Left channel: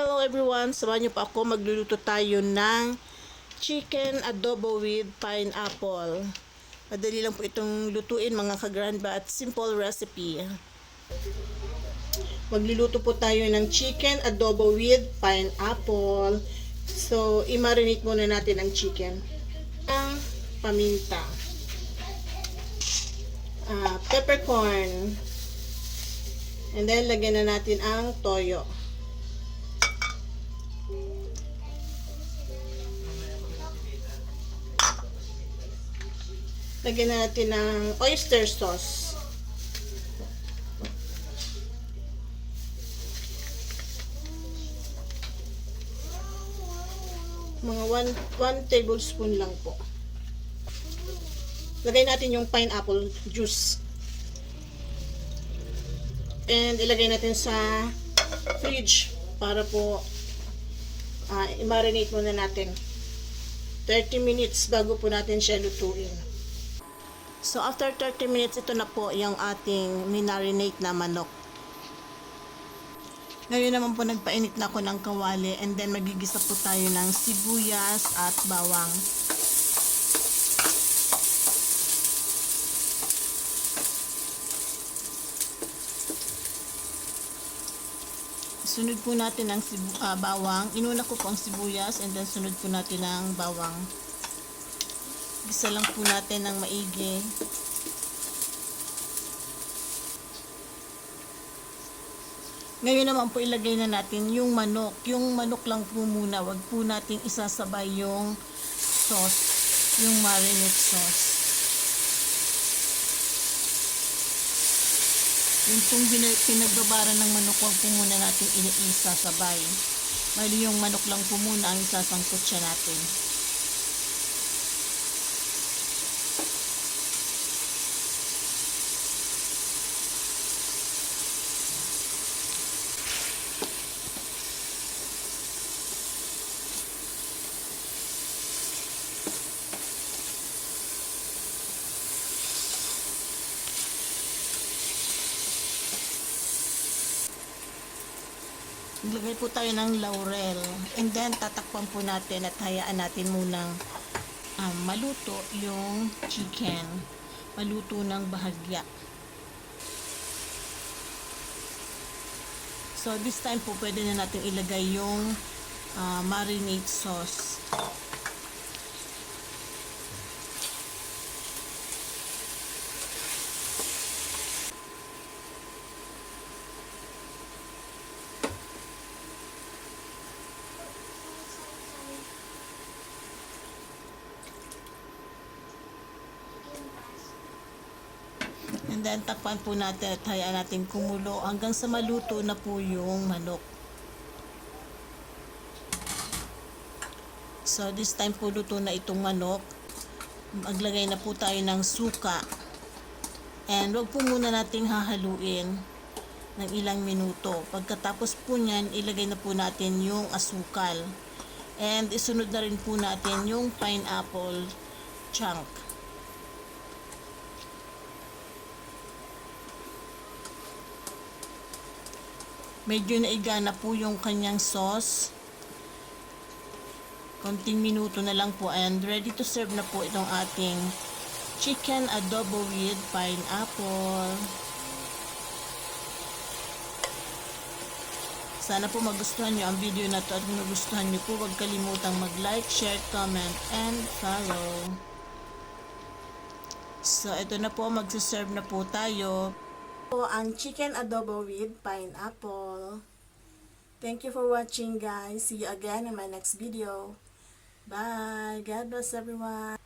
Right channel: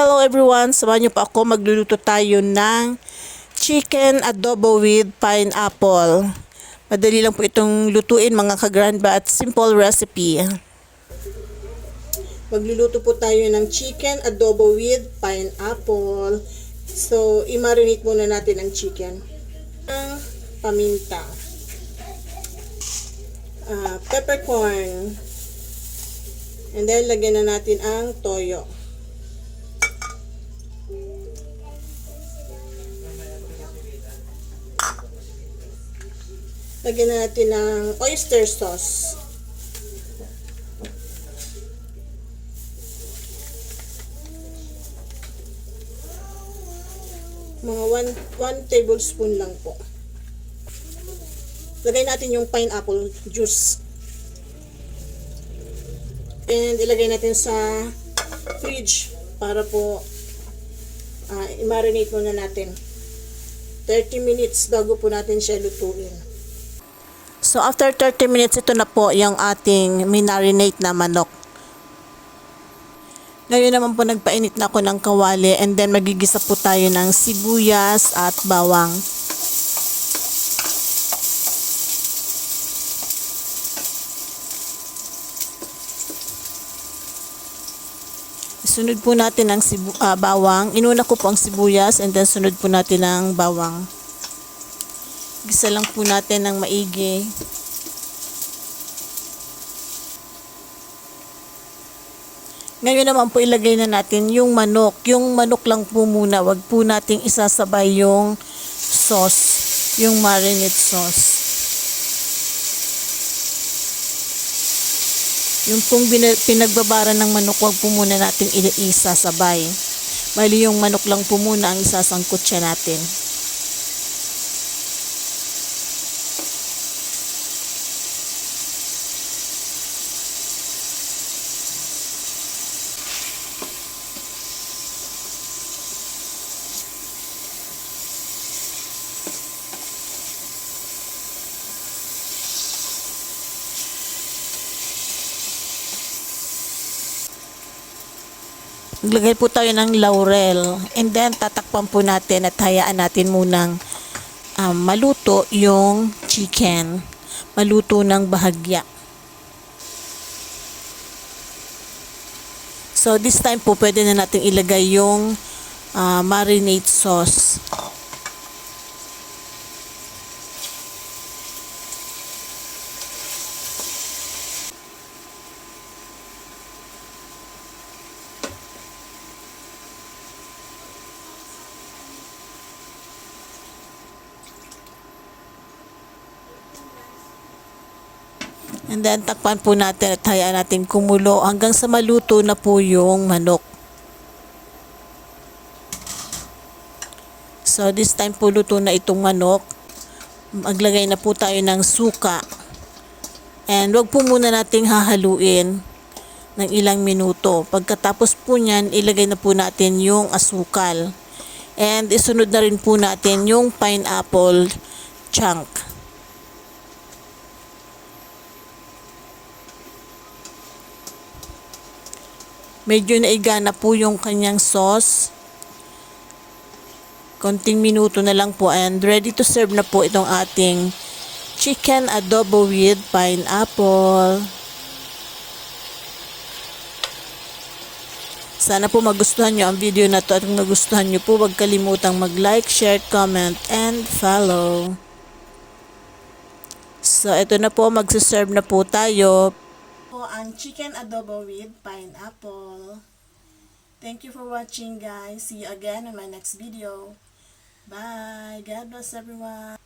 Hello everyone! Samahan niyo po ako. Magluluto tayo ng chicken adobo with pineapple. Madali lang po itong lutuin mga ka-grandma at simple recipe. Magluluto po tayo ng chicken adobo with pineapple. So, i-marinate muna natin ang chicken. Ang paminta. Peppercorn. And then, lagyan na natin ang toyo. Lagyan na natin ng oyster sauce. Mga 1 tablespoon lang po. Lagay natin yung pineapple juice. And ilagay natin sa fridge para po i-marinate muna natin. 30 minutes bago po natin siya lutuin. So, after 30 minutes, ito na po yung ating minarinate na manok. Ngayon naman po, nagpainit na ako ng kawali and then magigisa po tayo ng sibuyas at bawang. Sunod po natin ang bawang. Inuna ko po ang sibuyas and then sunod po natin ang bawang. Gisa lang po natin ng maigi. Ngayon naman po ilagay na natin yung manok. Yung manok lang po muna. Wag po nating isasabay yung sauce. Yung marinade sauce. Yung pong pinagbabara ng manok, wag po muna natin isasabay. Bali yung manok lang po muna ang isasangkot siya natin. Maglagay po tayo ng laurel and then tatakpan po natin at hayaan natin munang maluto yung chicken. Maluto ng bahagya. So this time po pwede na natin ilagay yung marinade sauce. And then, takpan po natin at hayaan natin kumulo hanggang sa maluto na po yung manok. So, this time po luto na itong manok. Maglagay na po tayo ng suka. And wag po muna nating hahaluin ng ilang minuto. Pagkatapos po niyan, ilagay na po natin yung asukal. And isunod na rin po natin yung pineapple chunk. Medyo naiga na po yung kanyang sauce. Konting minuto na lang po and ready to serve na po itong ating chicken adobo with pineapple. Sana po magustuhan nyo ang video na to at kung nagustuhan nyo po, huwag kalimutang mag-like, share, comment, and follow. So, ito na po, magsiserve na po tayo. Ang chicken adobo with pineapple. Thank you for watching, guys. See you again in my next video. Bye. God bless everyone.